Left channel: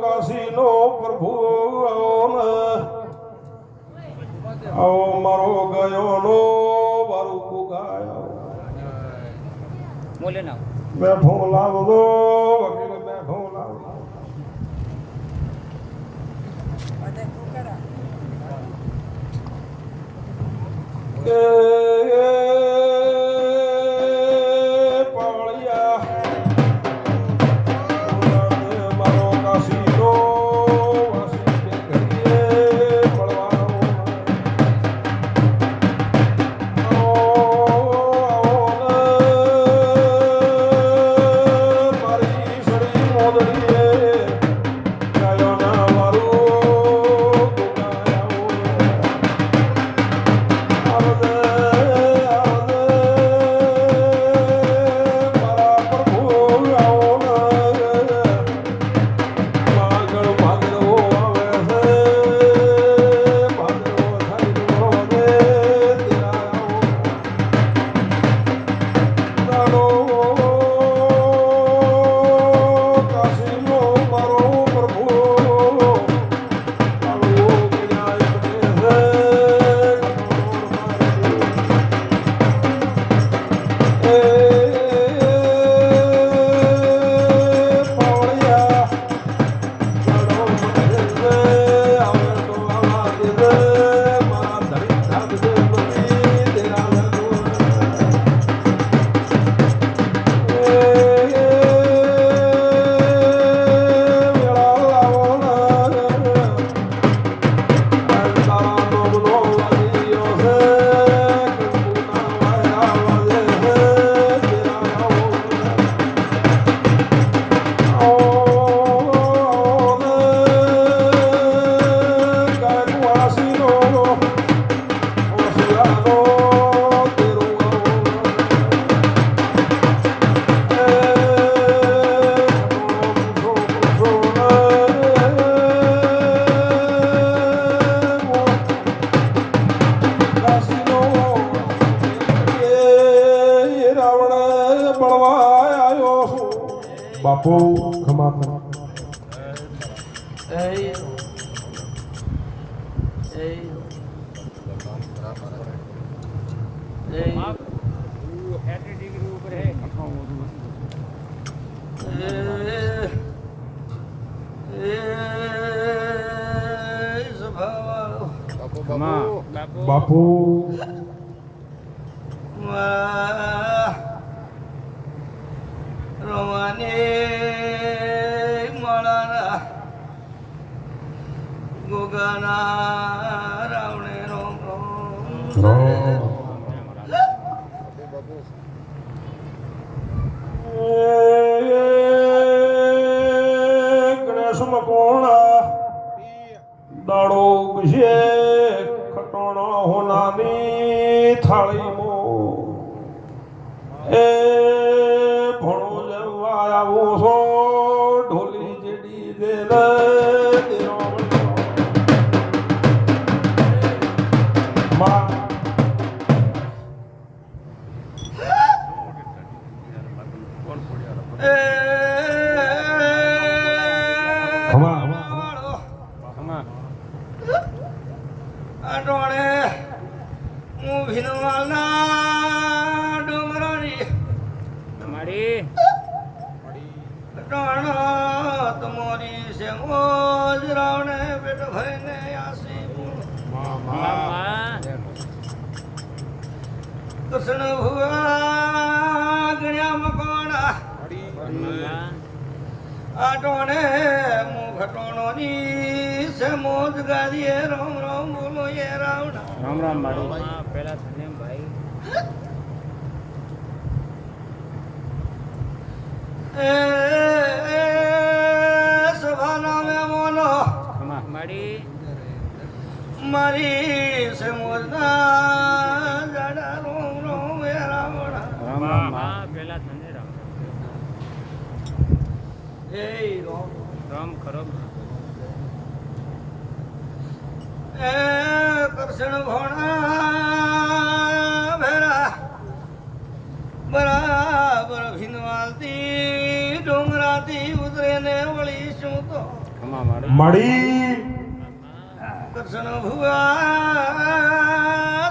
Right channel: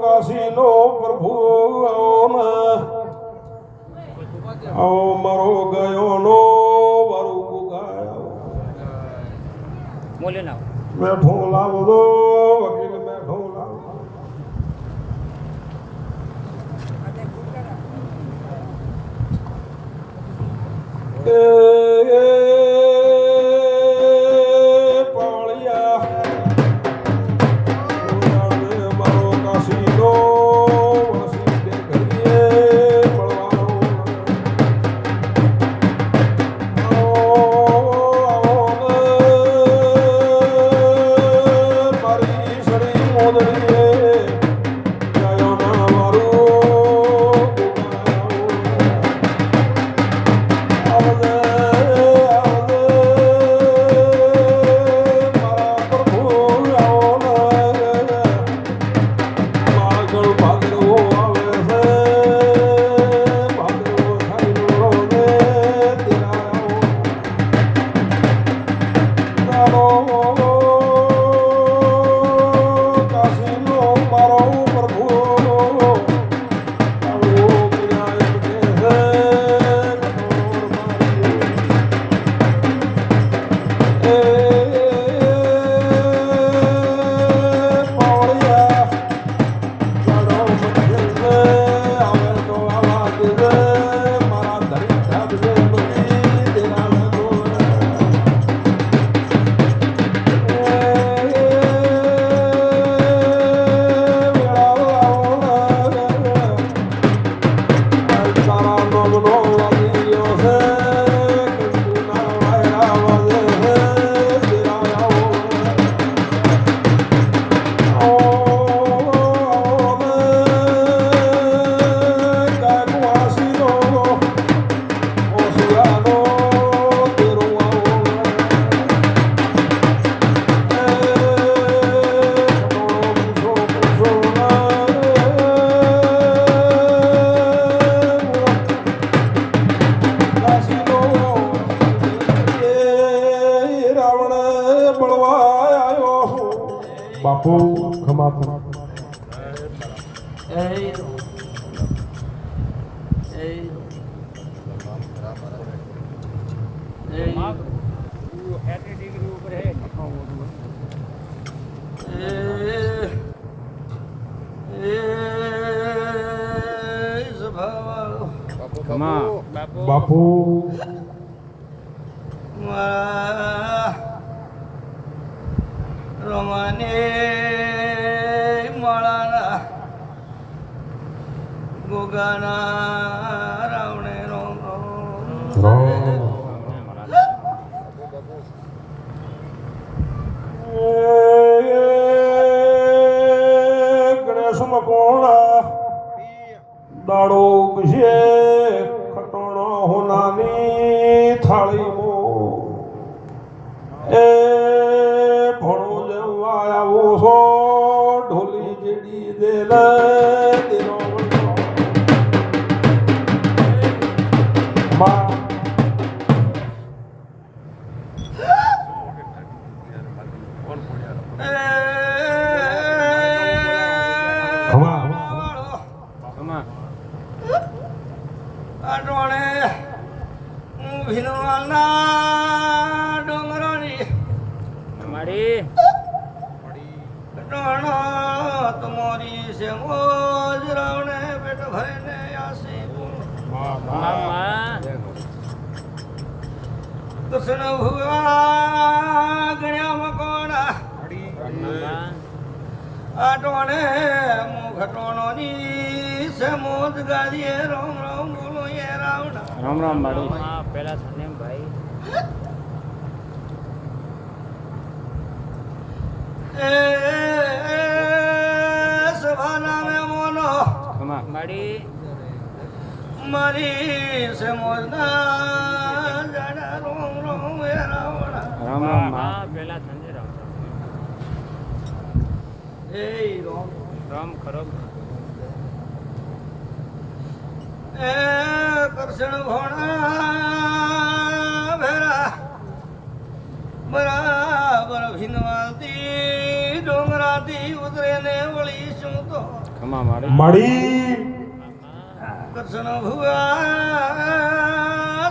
કાશીનો પ્રભુ આવો મારો ગયો નો વારું ગુગાયો બોલે ના બેઠો લાવજો વકીલ બેઠો લાવજો બાપુ ખમા ખમા બાપુ રોમાને મળાના ગોગાના રાવણે રોમ ગણેશ મકોણા દાડો છે ખટોણો હોનાની થાળીમો એ ભણો લેવા આવો છો ઢોલી જેડી દેલ દેરો માં આટોણે હું ભીનવાલના ડોંગરાની મારી ટોણો તમારી છે મોજ રાવણે પેટ ભરીને આસી મામા કૃષ્ણ ભુવા ગણ્યા મકોણા આટોણે હું ઘટોણોની છે મોજ ગાદીએ રોમ રોમ બોલો એ રાવણા રામ રામ મારી પેલા થને ભાઈ સભા નામે મોનો મારી મારી છે મોજના જાડા રોમ રોમ એ રાવણા રામ પેલા થને રામ હે રોમ રામ ખરો એ કૃષ્ણ ભોણા ભેરા બરાબર ભીનવાલતી ડોંગરાથી ઉતરે ને વળી શું તો મળી કૃષ્ણ ભુવા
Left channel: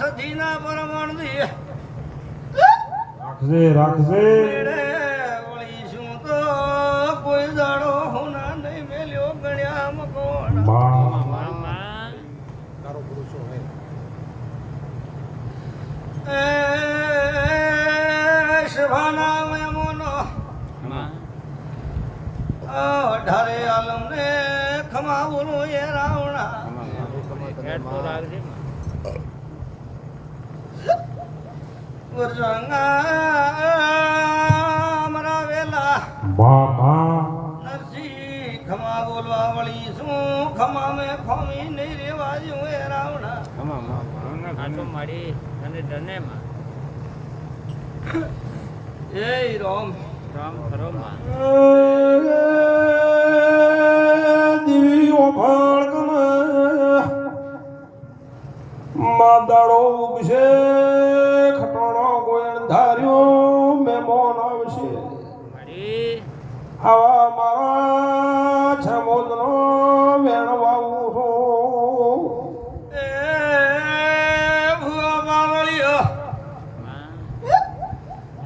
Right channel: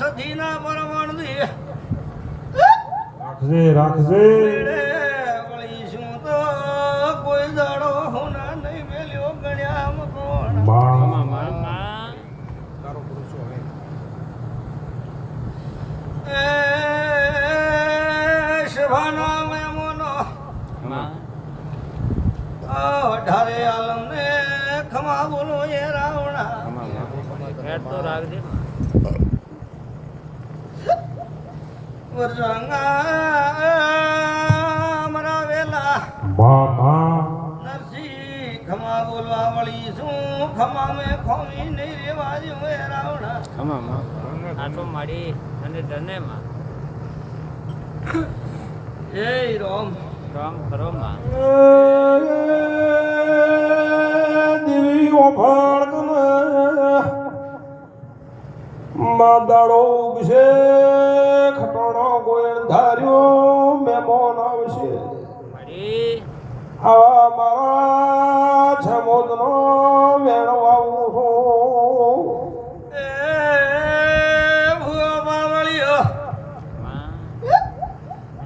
સતીના પરમણ દે રાખજે રાખજે વળી શું તો કોઈ દાડો હું ના નહીં મેલ્યો ગણ્યા મકોણ માં મામા શભાના મેમોનો માં અઢારે આલમ ને ખમા બોલો એ રાવણા હેડ તો રાખજે માં મરા વેલા માં નરસિંહ ખમા બોલવા વળી શું ખમા મેં ખોમી નહીં રેવા દઉં એ રાવણા આટો માડી અને ડને માં જય રામ રામ ખરો માં દિવી ઓફળ માદાડો ઉગશે ખટોણો ગોયણ ધાર્યો મેમોન આવશે માડી આવા મારા છમોદનો વેણ વાવું છું એ ભુવા બાવળિયો માં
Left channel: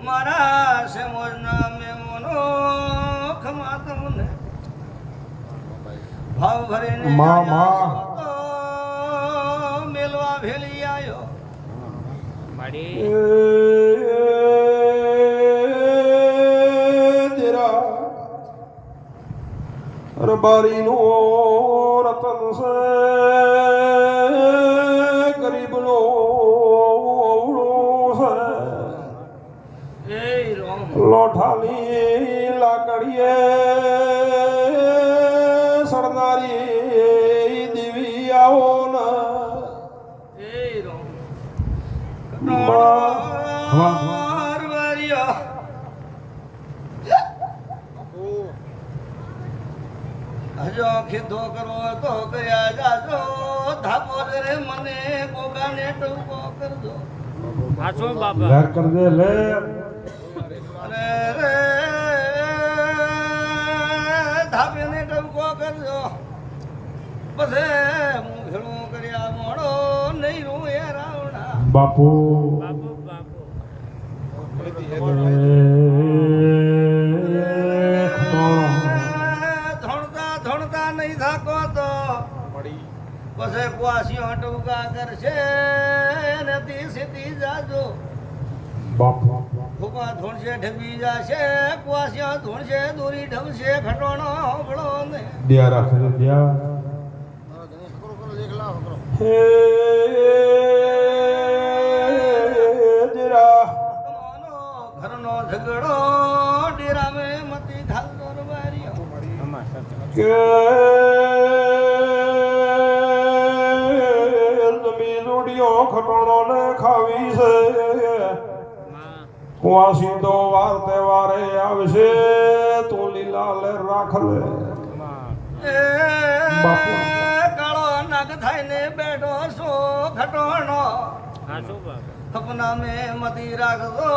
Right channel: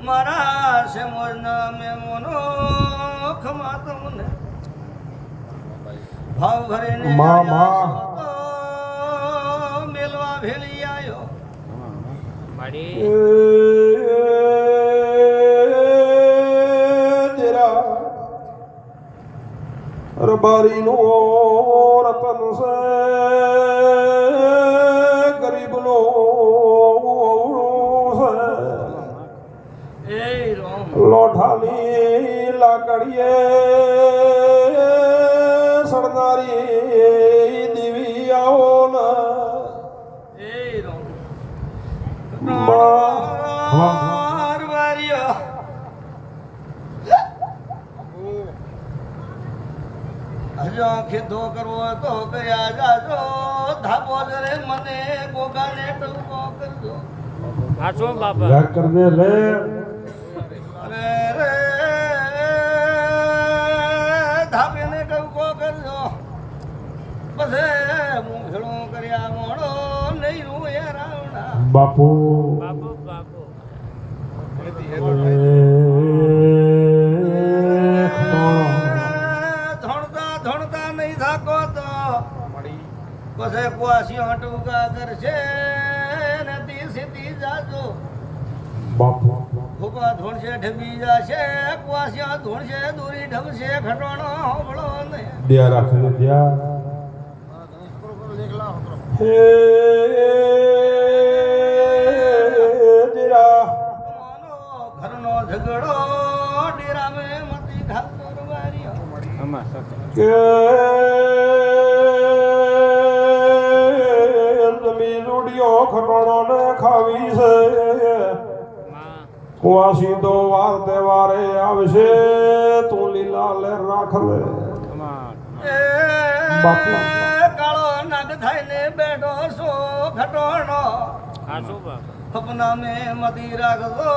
મારા સમોજના મેમોનો ખમા તમને ભાવ ભરીને માં, માં. તો મેલવા ભેળી આવ્યો માડી તેરા રબારીનો રતન છે ગરીબનો ઓવળો છે એ રોમ લોઠાની લાકડીએ સરદારી દેવી આવો ને એ રોમ વાહ. વારિયો હજો ખીધો કરવો તો કર્યા જાજો ધાબો રે મને ગોગાને ટૂંકો કરજો આટો બાપા ઘર કર દે લે અરે રે ધાબેને ટૂંકો કરજો પછી હું ભેળું કર્યા મોડો નહીં રૂ એ રાવણા બાપુ બાપુ બાપુ ધોણતા ધોણતા નહીં થાકો તો પછી કુવાસીઓ ટૂંકા કરશે ને તી સીધી જાજો બાપુ ફૂકા ધોણશે ઢબી જાશે કુવાસીઓ ધોણશે દોરી ઢબશે ફેટોણો હોબળો ને દિયા રાખજે દિયા હે દિરા તમોનો ઘરનો ઝઘડો ડેરામે મતી ઘાલતો રવારિયો કે જમી જોડીઓ ખટોણો ને ખાવી છે માં કુવાસી તો વાર તહેવારે આવશે તું લીલા લે રાખ લે એ બાપુ. કાળો નગ થઈને બેઠો છો ખટોણો આટો બાપા સપના મેં મતી રાખજો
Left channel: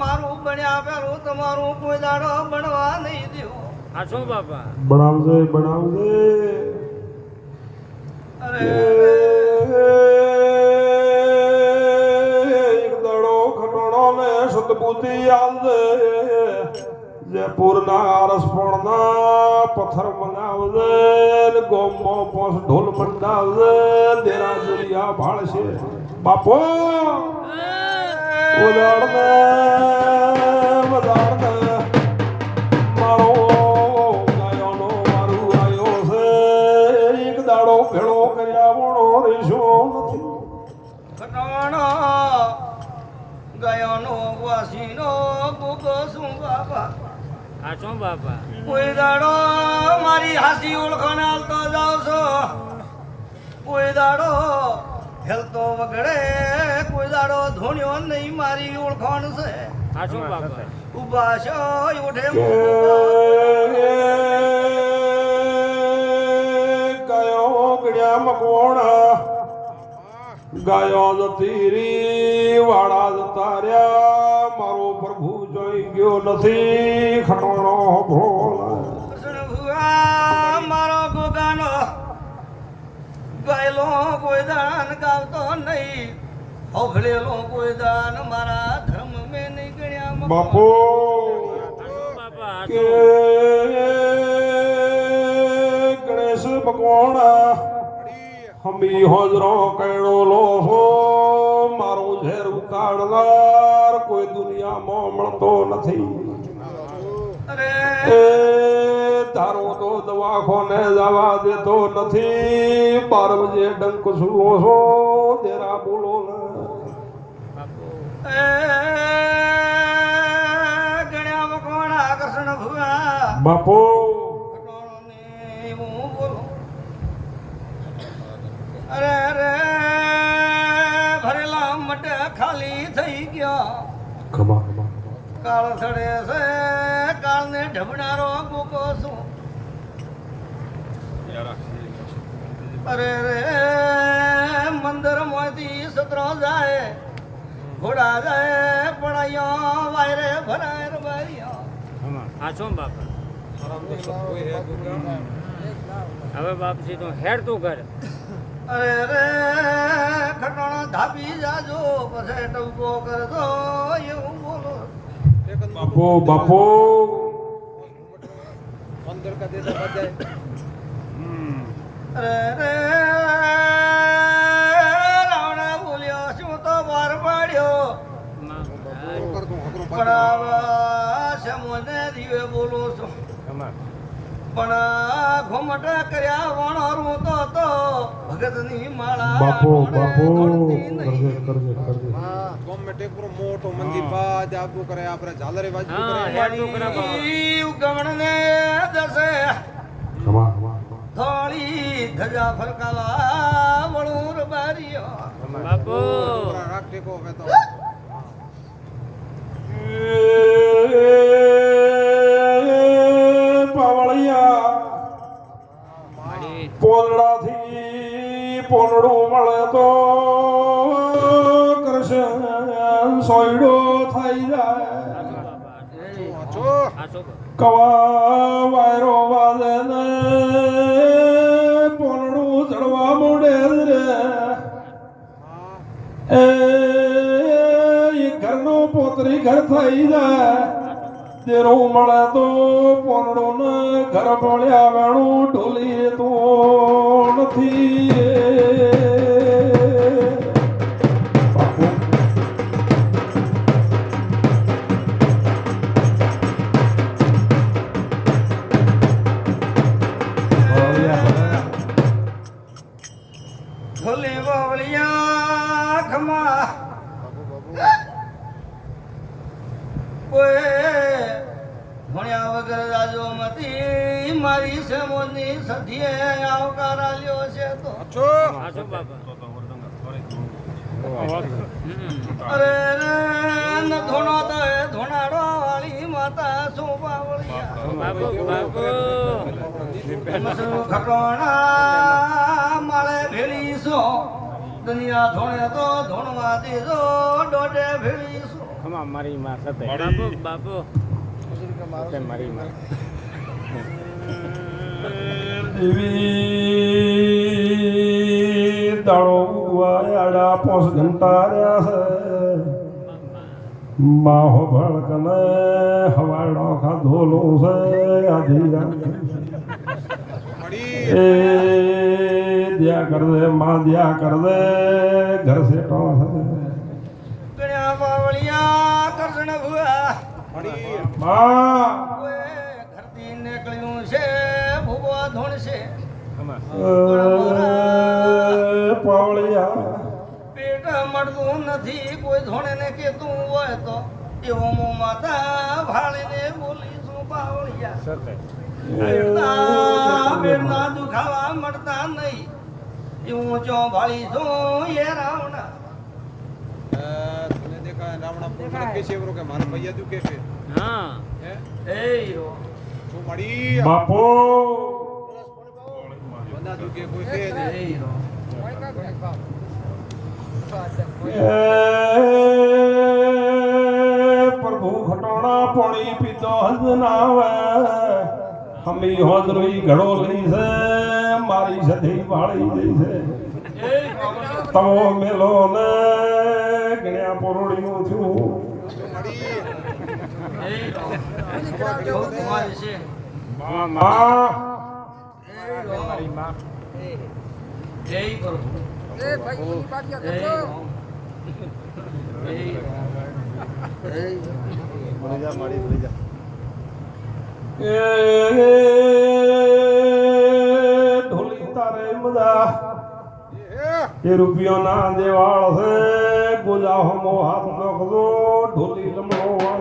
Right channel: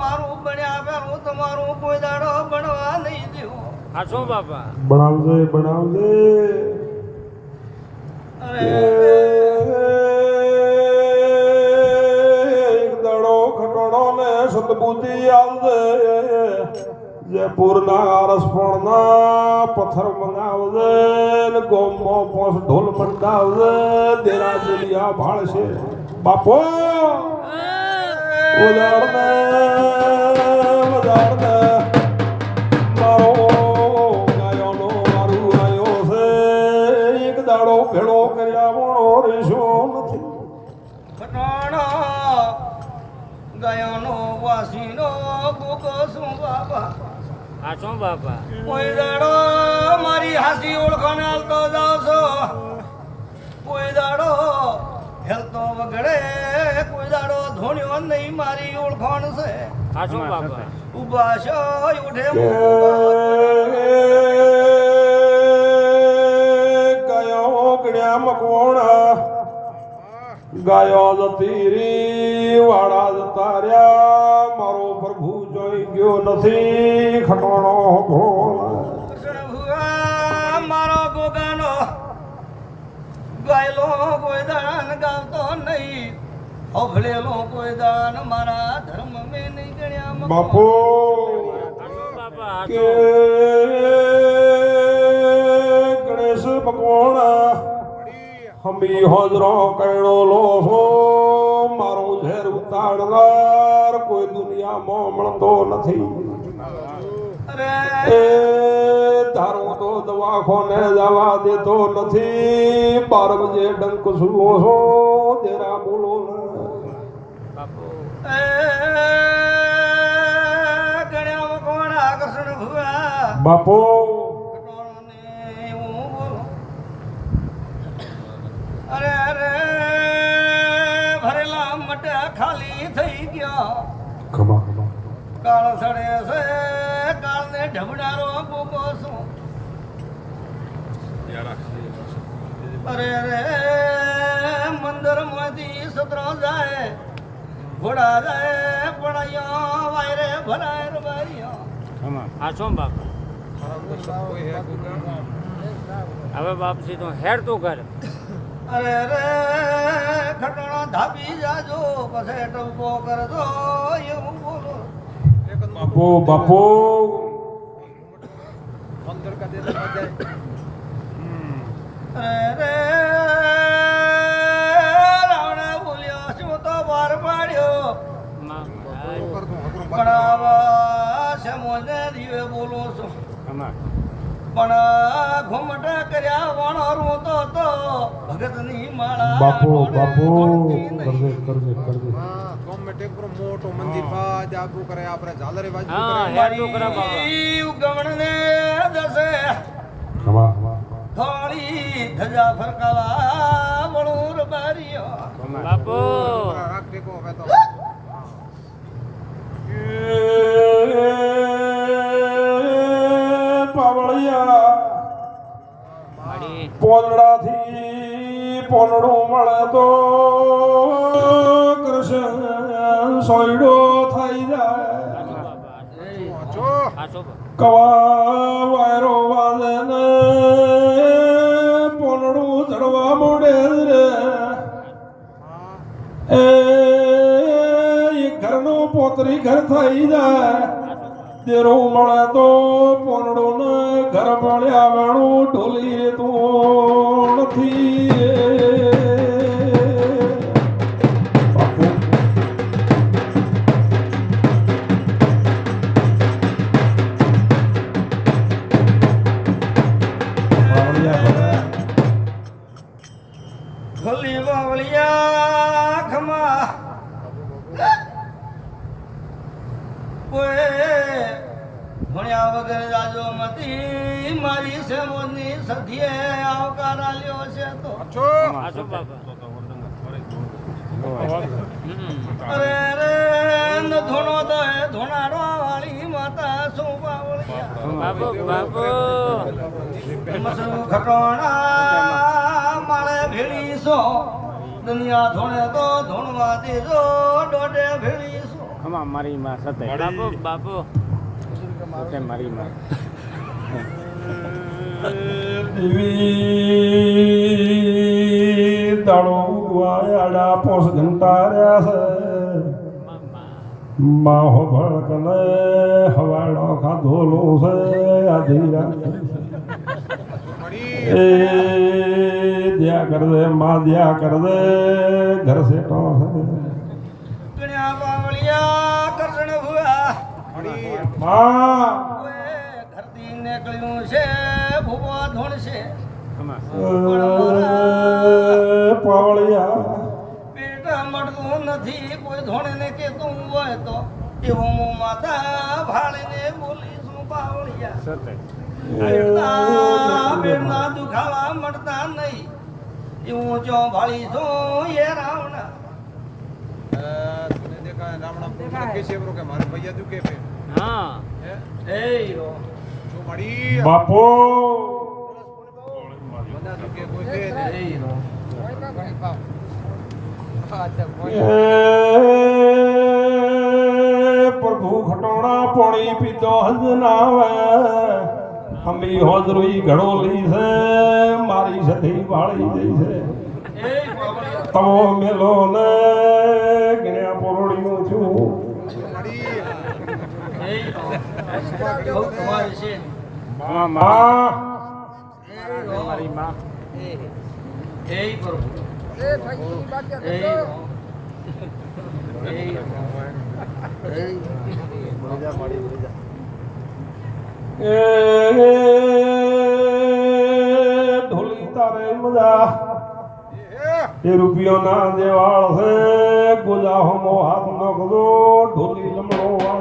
મારું બન્યા પેલું તમારું કોઈ દાડો બનવા નહીં દો આટો બાપા બનાવજે બનાવજે અરે એક દડો ખટોણો ને સદબુદ્ધિ આવજે જયપુરના આરસપણના પથ્થર મંગાવજે ને ગોમો પોસ ઢોલ મંડાવજે દેરા દુનિયા ભાળશે બાપો ઉદાડને ઉદાડને મારો ગાયોનો મારું આયો છે એક દાડો ભેળો કર્યા વણો રેશો નથી ખટોણો ગયોનો વાસીનો ભૂકો શું બાબા આટો બાપા કોઈ દાડો મારી હાસી ઓળખાણ હાલતો જાવ છો કોઈ દાડો હેલતો વગડે કોઈ દાડો ધોણ્યો નહીં મારી ઓળખાણ છે આટો બાપા ઉભા છો ઉઠે કે ગાયો ગણ્યા મકવોણા ગાયો જતી રી વાળા જતા રહ્યા મારો જોઈ ગયો નથી ખટોણો ભોળ કૃષ્ણ ભુવા મારો ગોગાનો ગાયલો કોઈ દાન ગાવતો નહીં હોભળેલો કોઈ દાન મારા ધર્મ મેં નહીં ગણ્યા બાપુ હાચું બાપા કે હાચું ગણેશ ભગવાન હમી હોજરો કૈડો લો છો મારું ઝેર ઉતારનાર કોઈ દુનિયામાં મળતો નથી અરે એ તારો તો દવાખાને જવા દેતો નથી 12 બજે ડંક સુવો છો તેરા બોલો ને બાપુ એ ગણ્યા મકોણા કૃષ્ણ ભુવા બાપુ ખટોળાને હું બોલું. અરે અરે ભરેલા મટે ખાલી થઈ ગયા ખબા કાળ સડે છે કાળને ઢબનારો ગોકો છું અરે રે મંદર મોતી સતરો જાય ઘોડા જાય પણ અહીંયા વાયરે ભરાય રબારીઓ હાચું બાપા હવે બાપસી તું હેડ તું કર અરે રે ખટોણો ધાબી જાજો પછી ટૂંકો કરજો એવું બોલો બાપુ બાપુ અરે રે રાવણા બોલ્યો શું તો બાર પાડ્યો મહારાજ પણ આવા સમોને દીવે બોલું છું પણ ઘુમટ કર્યા વણરું તો ભગતની માળા બાપુ બાપુ ઢોળતી નહીં. કરજે કરજે કરજે મોટો મંદિર બાદ આગળ કરે આપણે ઝાલરે બાજુ હા હેડ તું કરા બાપા મારી ઉગમણને દસે ખબા થોડી ધજા ફરકાવા વણુર બારીઓ બાપુ રાખ ટેકો હવે તો પાવળિયા માડી પોલડાથી પોલડું મળે તો કૃષ્ણ સોયડો થઈ જાય હાચું બાપા જો હાચું બાપા કવા વાયરો વાજે ને પોલડું ચડવા મોડે રે એ ઘરનું પોતરી ઘર થઈ જાય દેરું મળે તો પોનડું ને ઘર મળ્યા વેણું ઢોલી તું નથી બાપુ ભોલી બાવળિયા ખમા કોઈ ભણ્યા વગર રાજો મતી મારી સેમોની સધીએ આવકાર આલ્યો છે તો જો હાચું બાપા અરે રે ન ધોણો તો એ ધોણાડો વાળી માતા શું બાવળિયા બાપુ બાપુ મસરું ખટોણા માળે ભેળી સો દુનિયા ધોણે તો ધોણવા દેજો દોડે ભેળી સો મારી માં સતે બાપુ બાપુ સતે મારી માં દેવી દાડો ઉગવાયાડા પોસ ઘંટા રહ્યા છે માહો ભળકને હવાડો ખાધોલો છે આધી રાત મળી એ દ્યા કર દે માં દ્યા કર દે ઘર સેટો છે ગણ્યા બાવળિયા કરજણ ભુવા મળી માં કોઈ ઘરથી નીકળ્યું છે ભૂવો ધોણશે પાવળિયા પેટ મળતું નથી કોઈ ધોણે ને કેતું હોય તો એવું હું માતા ભાળીને બોલીશું બાવળિયા પેટના દુખાવા મળતા નહીં એવું ચો ભાળી છું એ રાવણા તને દેખાય રાવણા પૂરા કે છે કે મારા ભૈયા દુખે છે હા હે એ યો જો મળી બાપુ બધા દુખે કોઈ કે નહીં. એ યો એ પ્રભુ ખટોણા પાણી પીતો હજ ના આવે હમી હોજરી ઘડો લઈ છે મારી સધી વાળી જઈ છે તમો મેલો ને ગણ્યા પોરડીયું છું તમારી છે માં મારી માં એ પ્રભુ એ એ ઢોલી તારે મજા એ રૂપિયો ના દેવાળ છે ગુજા હમો હાથ નખજો ઢોલી લમણો